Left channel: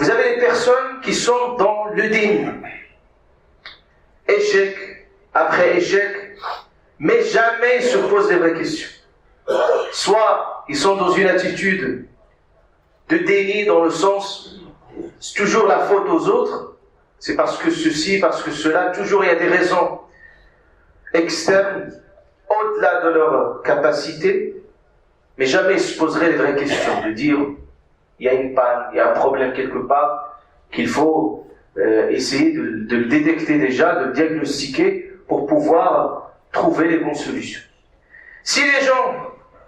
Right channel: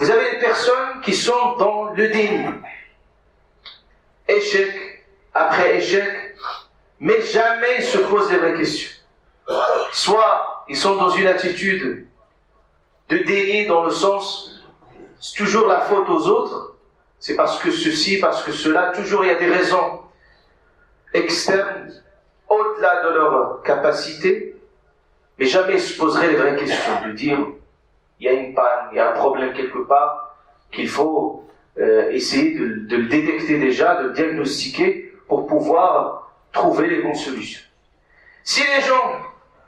Vous avez des personnes qui sont dans le déni. Échec après échec, mais jamais ils se posent les vraies questions. Soit ils sont dans une attitude de déni dans le sens, c'est toujours la faute aux autres, c'est parce que ceci, parce que cela, toujours il y a des raisons externes, au-delà de leur capacité, mais jamais ils se poseraient les vraies questions, de dire, il y a une panne, il y a un problème quelque part, qu'il faut essayer de le détecter déjà, de le diagnostiquer, pour pouvoir trouver les bonnes solutions. Si les gens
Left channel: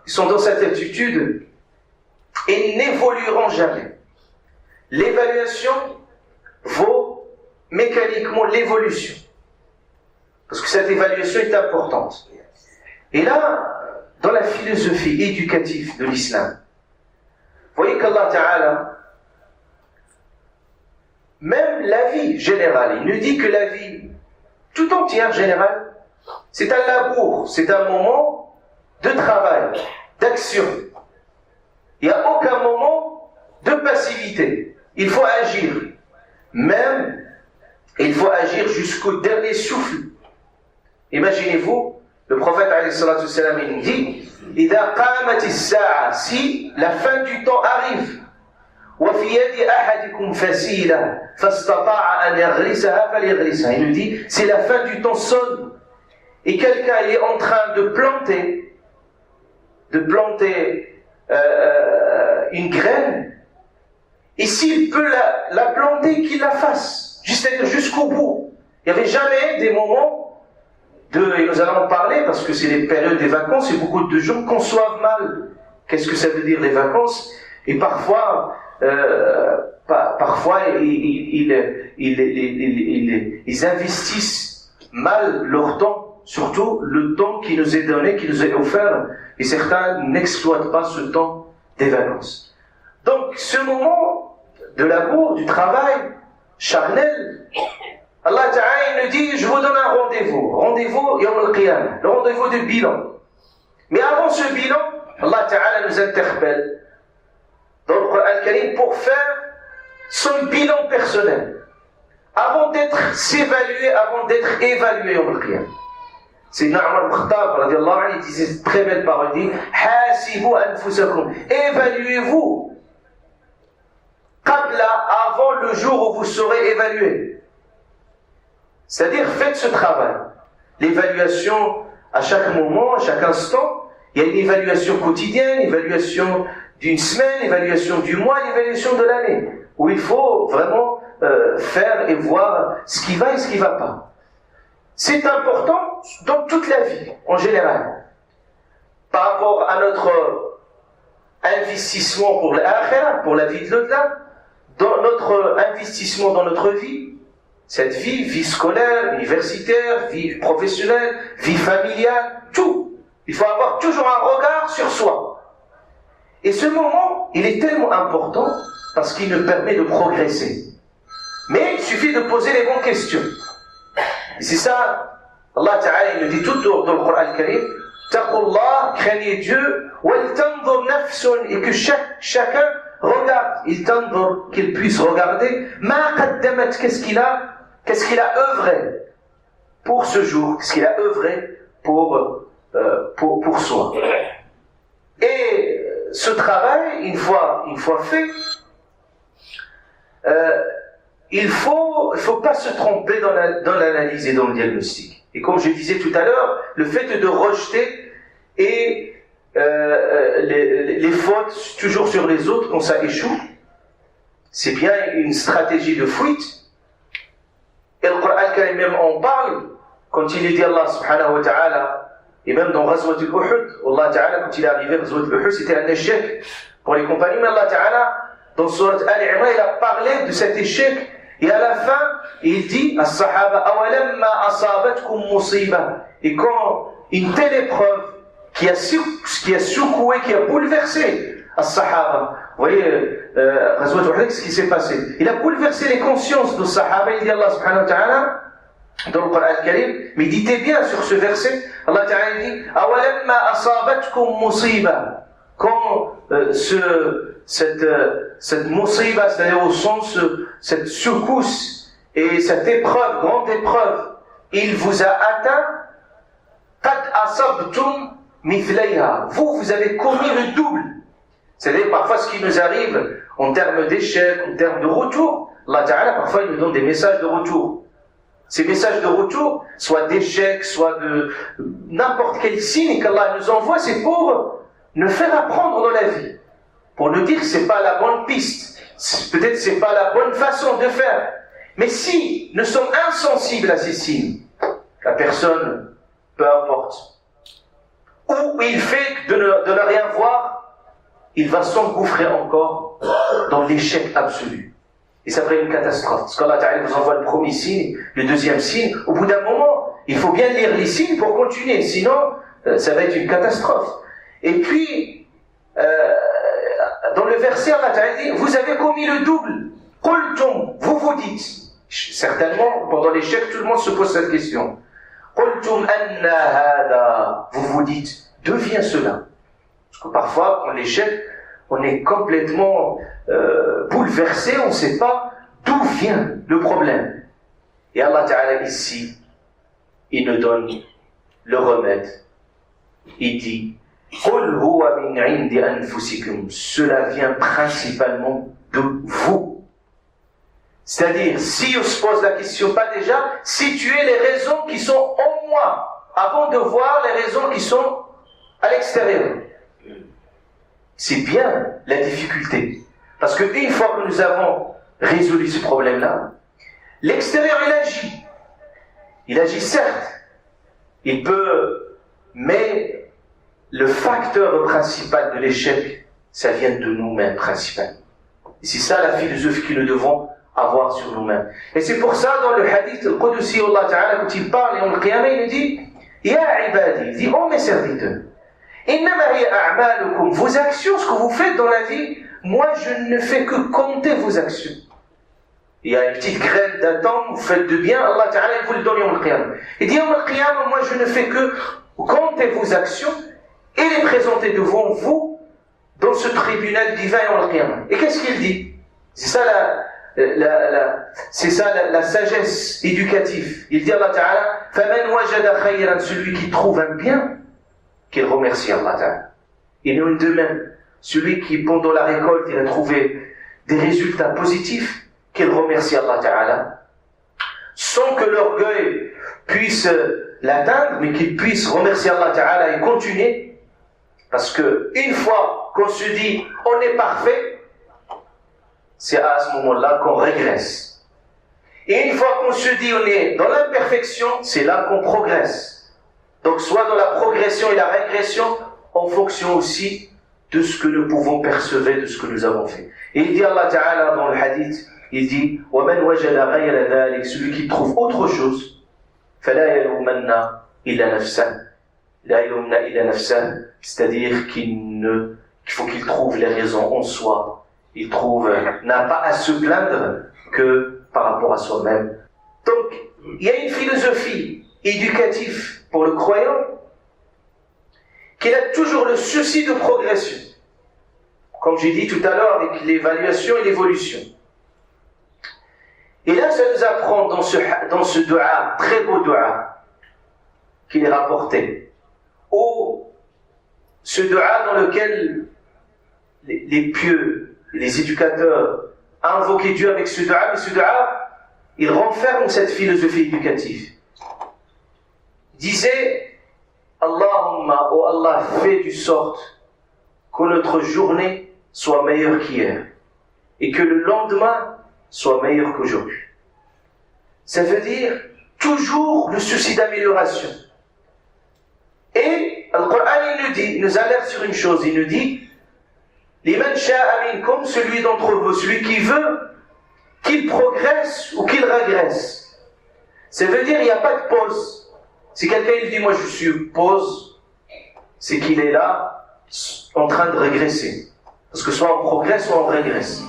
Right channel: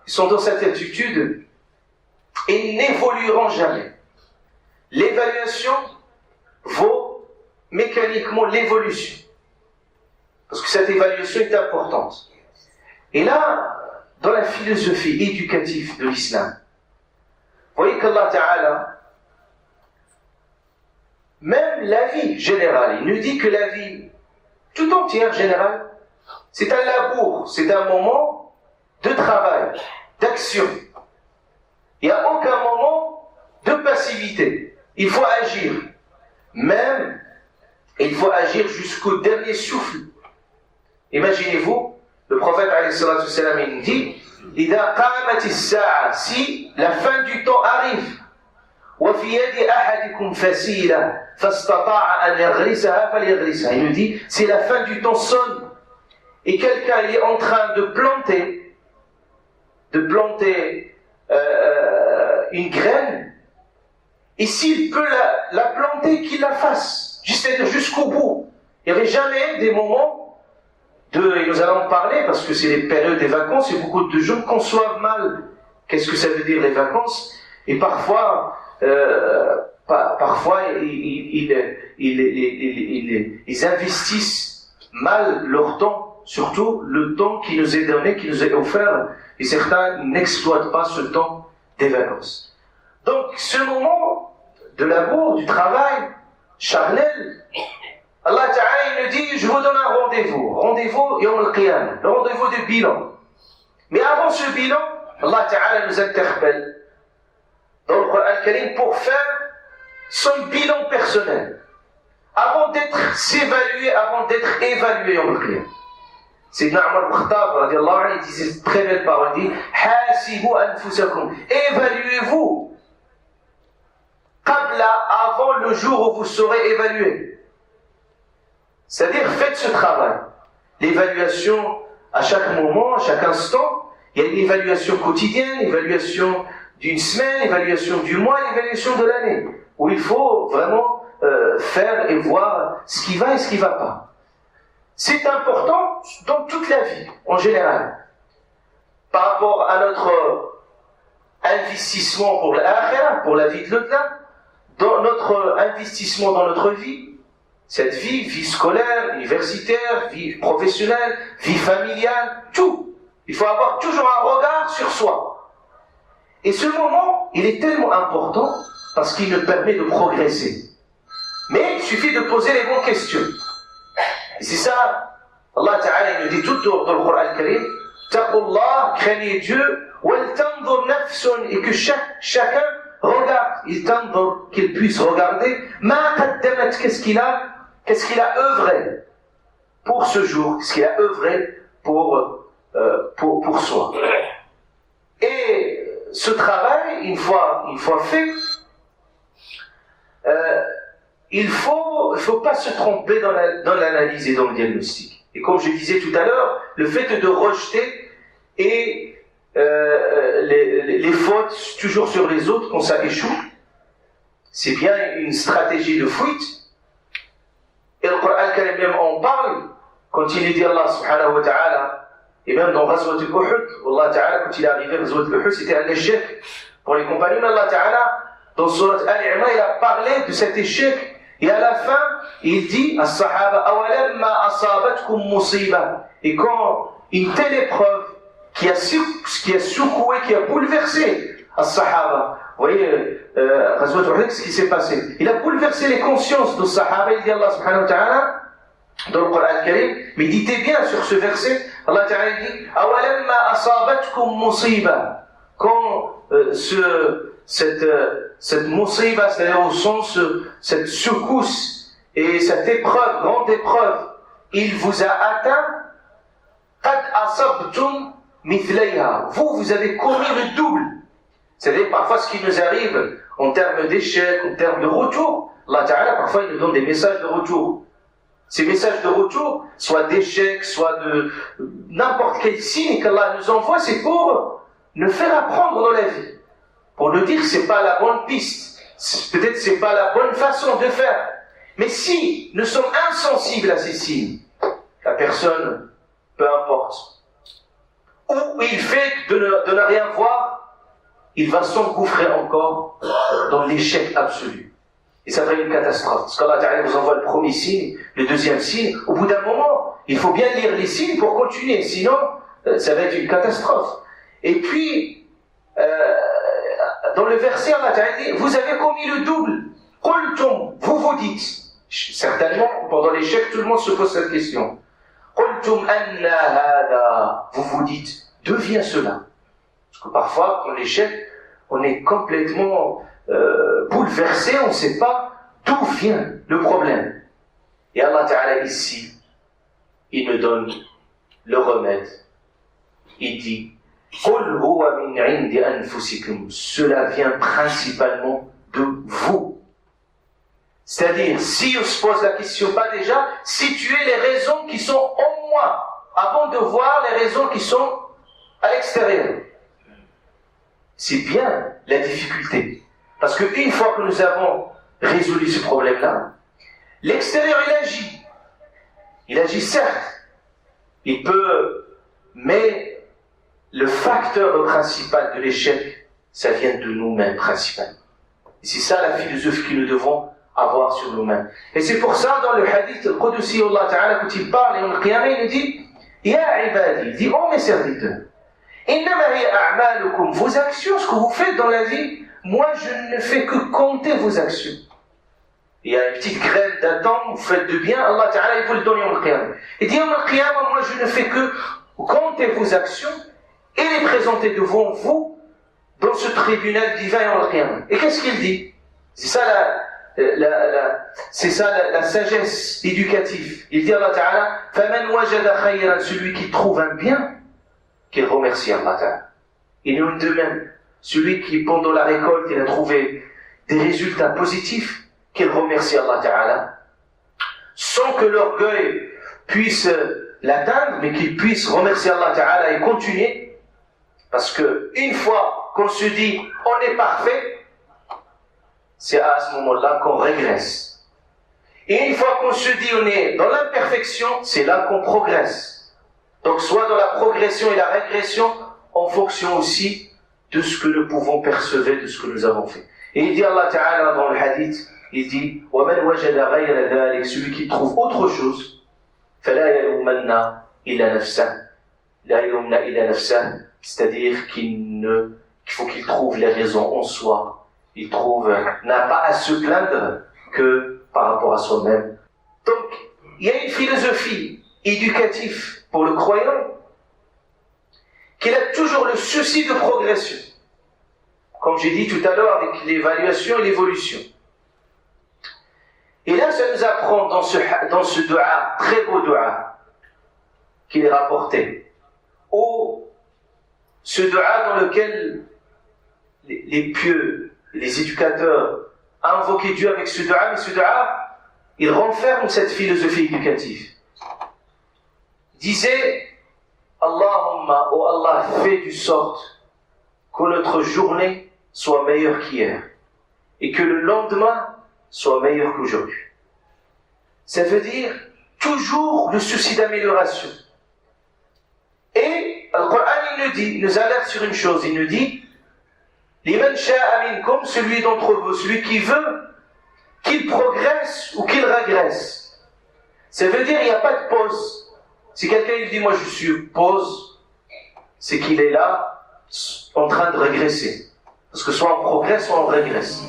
sont dans cette attitude, ils n'évolueront jamais. L'évaluation vaut mécaniquement l'évolution. Parce que cette évaluation est importante. Et là, dans la philosophie éducative de l'islam, vous voyez qu'Allah Ta'ala, même la vie générale, il nous dit que la vie tout entière générale, c'est un labour, c'est un moment de travail, d'action. Il n'y a aucun moment de passivité. Il faut agir. Même, il faut agir jusqu'au dernier souffle. Imaginez-vous, le prophète alayhi salatu wassalam, il nous dit, إِذَا قَامَتِ السَّاعَةِ, si la fin du temps arrive, وَفِي يَدِ أَحَدِكُمْ فَسِيلًا فَاسْتَطَاعَ أَنْ يَغْرِسَهَا فَلْيَغْرِسَهَا. Il nous dit, si la fin du temps sonne, et quelqu'un est en train de planter une graine, et s'il peut la planter, qu'il la fasse, jusqu'au bout. Il n'y avait jamais des moments et nous allons en parler parce que c'est les périodes des vacances et beaucoup de gens conçoivent mal qu'est-ce que ça veut dire les vacances, et parfois ils investissent mal leur temps, surtout le temps qui nous est donné, qui nous est offert, et certains n'exploitent pas ce temps des vacances. Donc ce moment de l'amour, du travail charnel, Allah Ta'ala nous dit, je vous donne un rendez-vous Yawm al-Qiyamah, le rendez-vous de bilan. Mais avant ce bilan, Allah Ta'ala nous interpelle dans le Coran al-Karim pour faire son bilan personnel, avant d'être s'évaluer, avant d'être évalué Yawm al-Qiyamah. C'est Omar ibn Khattab radiallahu anhu, il disait cette très belle parole, il dit Hasibu anfusakum, évaluez-vous qabla, avant le jour où vous serez évalué. C'est-à-dire, faites ce travail. L'évaluation à chaque moment, à chaque instant, il y a une évaluation quotidienne, l'évaluation d'une semaine, l'évaluation du mois, l'évaluation de l'année, où il faut vraiment faire et voir ce qui va et ce qui ne va pas. C'est important dans toute la vie, en général. Par rapport à notre investissement pour l'akhirah, pour la vie de l'au-delà, dans notre investissement dans notre vie, cette vie scolaire, universitaire, vie professionnelle, vie familiale, tout. Il faut avoir toujours un regard sur soi. Et ce moment, il est tellement important parce qu'il nous permet de progresser. Mais il suffit de poser les bonnes questions. Et c'est ça, Allah Ta'ala nous dit tout dans le Coran al-Karim, Taqullah, craignez Dieu, wal tanzur nafsun, et que chacun regarde, qu'il puisse regarder, ma qaddamat, qu'est-ce qu'il a œuvré pour ce jour, qu'est-ce qu'il a œuvré pour soi. Et ce travail, une fois fait, il faut pas se tromper dans l'analyse et dans le diagnostic. Et comme je disais tout à l'heure, le fait de rejeter et les fautes toujours sur les autres quand ça échoue, c'est bien une stratégie de fuite. Et le Coran al-Karim même en parle quand il dit Allah subhanahu wa ta'ala, et même dans Ghazwat al-Uhud, Allah ta'ala, quand il est arrivé à Ghazwat al-Uhud, c'était un échec pour les compagnons. Allah ta'ala, dans Surat Al-Imran, il a parlé de cet échec. Et à la fin, il dit à Sahaba, awalamma asabatkum musiba. Et quand une telle épreuve qui a secoué, qui a bouleversé à Sahaba, vous voyez, Ghazwat al-Uhud, ce qui s'est passé. Il a bouleversé les consciences de Sahaba, il dit Allah subhanahu wa ta'ala, dans le Coran al-Karim, mais dites bien sur ce verset, Allah ta'ala dit, awalamma asabatkum musiba. Quand cette musiba, c'est-à-dire au sens, cette secousse et cette épreuve, grande épreuve, il vous a atteint, qad asabtum mithlayha. Vous avez commis le double. C'est-à-dire parfois ce qui nous arrive en termes d'échec, en termes de retour, Allah Ta'ala parfois il nous donne des messages de retour. Ces messages de retour, soit d'échec, soit de n'importe quel signe qu'Allah nous envoie, c'est pour nous faire apprendre dans la vie. Pour nous dire que c'est pas la bonne piste. Peut-être c'est pas la bonne façon de faire. Mais si nous sommes insensibles à ces signes, la personne, peu importe, ou il fait de ne rien voir, il va s'engouffrer encore dans l'échec absolu. Et ça va être une catastrophe. Parce qu'Allah Ta'ala vous envoie le premier signe, le deuxième signe. Au bout d'un moment, il faut bien lire les signes pour continuer. Sinon, ça va être une catastrophe. Et puis, dans le verset, Allah Ta'ala dit, vous avez commis le double. Qultum, vous dites. Certainement, pendant l'échec, tout le monde se pose cette question. Qultum anna hada. Vous dites, d'où vient cela? Parce que parfois, quand l'échec, on est complètement bouleversé, on ne sait pas d'où vient le problème. Et Allah Ta'ala ici, il nous donne le remède. Il dit, قُلْ هُوَ مِنْ عِنْدِ أَنفُسِكُمْ. Cela vient principalement de vous. C'est-à-dire, si on se pose la question, pas déjà, situer les raisons qui sont en moi, avant de voir les raisons qui sont à l'extérieur. C'est bien la difficulté. Parce qu'une fois que nous avons résolu ce problème-là, l'extérieur il agit. Il agit certes. Il peut, mais le facteur principal de l'échec, ça vient de nous-mêmes principalement. Et c'est ça la philosophie que nous devons avoir sur nous-mêmes. Et c'est pour ça, dans le hadith, le Qudsi, Allah Ta'ala, quand il parle, et on le qiyamah, il dit, Ya ibadi, il dit, oh mes serviteurs, innama hiya a'malukum, vos actions, ce que vous faites dans la vie, moi je ne fais que compter vos actions. Il y a une petite graine d'attente, vous faites de bien, Allah Ta'ala, il vous le donne Yawm al-Qiyamah. Il dit, Yawm al-Qiyamah, moi je ne fais que compter vos actions et les présenter devant vous dans ce tribunal divin Yawm al-Qiyamah. Et qu'est-ce qu'il dit? C'est ça la sagesse éducative. Il dit Allah Ta'ala, فَمَنْ وَجَدَ خَيْرًا, celui qui trouve un bien, qu'il remercie Allah Ta'ala. Et nous de même, celui qui pendant la récolte, il a trouvé des résultats positifs, qu'il remercie Allah Ta'ala, sans que l'orgueil puisse l'atteindre, mais qu'il puisse remercier Allah Ta'ala et continuer, parce que une fois qu'on se dit on est parfait, c'est à ce moment-là qu'on régresse. Et une fois qu'on se dit on est dans l'imperfection, c'est là qu'on progresse. Donc soit dans la progression et la régression, en fonction aussi de ce que nous pouvons percevoir, de ce que nous avons fait. Et il dit Allah Ta'ala dans le hadith, il dit وَمَنْ وَجَدَ غَيْرَ ذَلِكَ, celui qui trouve autre chose, فَلَا يَلُومَنَّ إِلَّا نَفْسَهُ, لَا يَلُومَنَّ إِلَّا نَفْسَهُ, c'est-à-dire qu'il faut qu'il trouve les raisons en soi. Il n'a pas à se plaindre que par rapport à soi-même. Donc, il y a une philosophie éducative pour le croyant qu'il a toujours le souci de progression. Comme j'ai dit tout à l'heure avec l'évaluation et l'évolution. Et là, ça nous apprend dans ce dua, très beau dua, qu'il est rapporté. Ce dua dans lequel les pieux, les éducateurs invoquaient Dieu avec ce dua, mais ce dua, il renferme cette philosophie éducative. Disait, Allahumma, oh Allah, fais du sorte que notre journée soit meilleure qu'hier et que le lendemain soit meilleur qu'aujourd'hui. Ça veut dire toujours le souci d'amélioration. Et le Coran il nous alerte sur une chose, il nous dit Liman sha'a minkum, celui d'entre vous, celui qui veut qu'il progresse ou qu'il régresse. Ça veut dire il n'y a pas de pause. Si quelqu'un il dit moi je suis pause, c'est qu'il est là en train de régresser. Parce que soit on progresse, soit on régresse.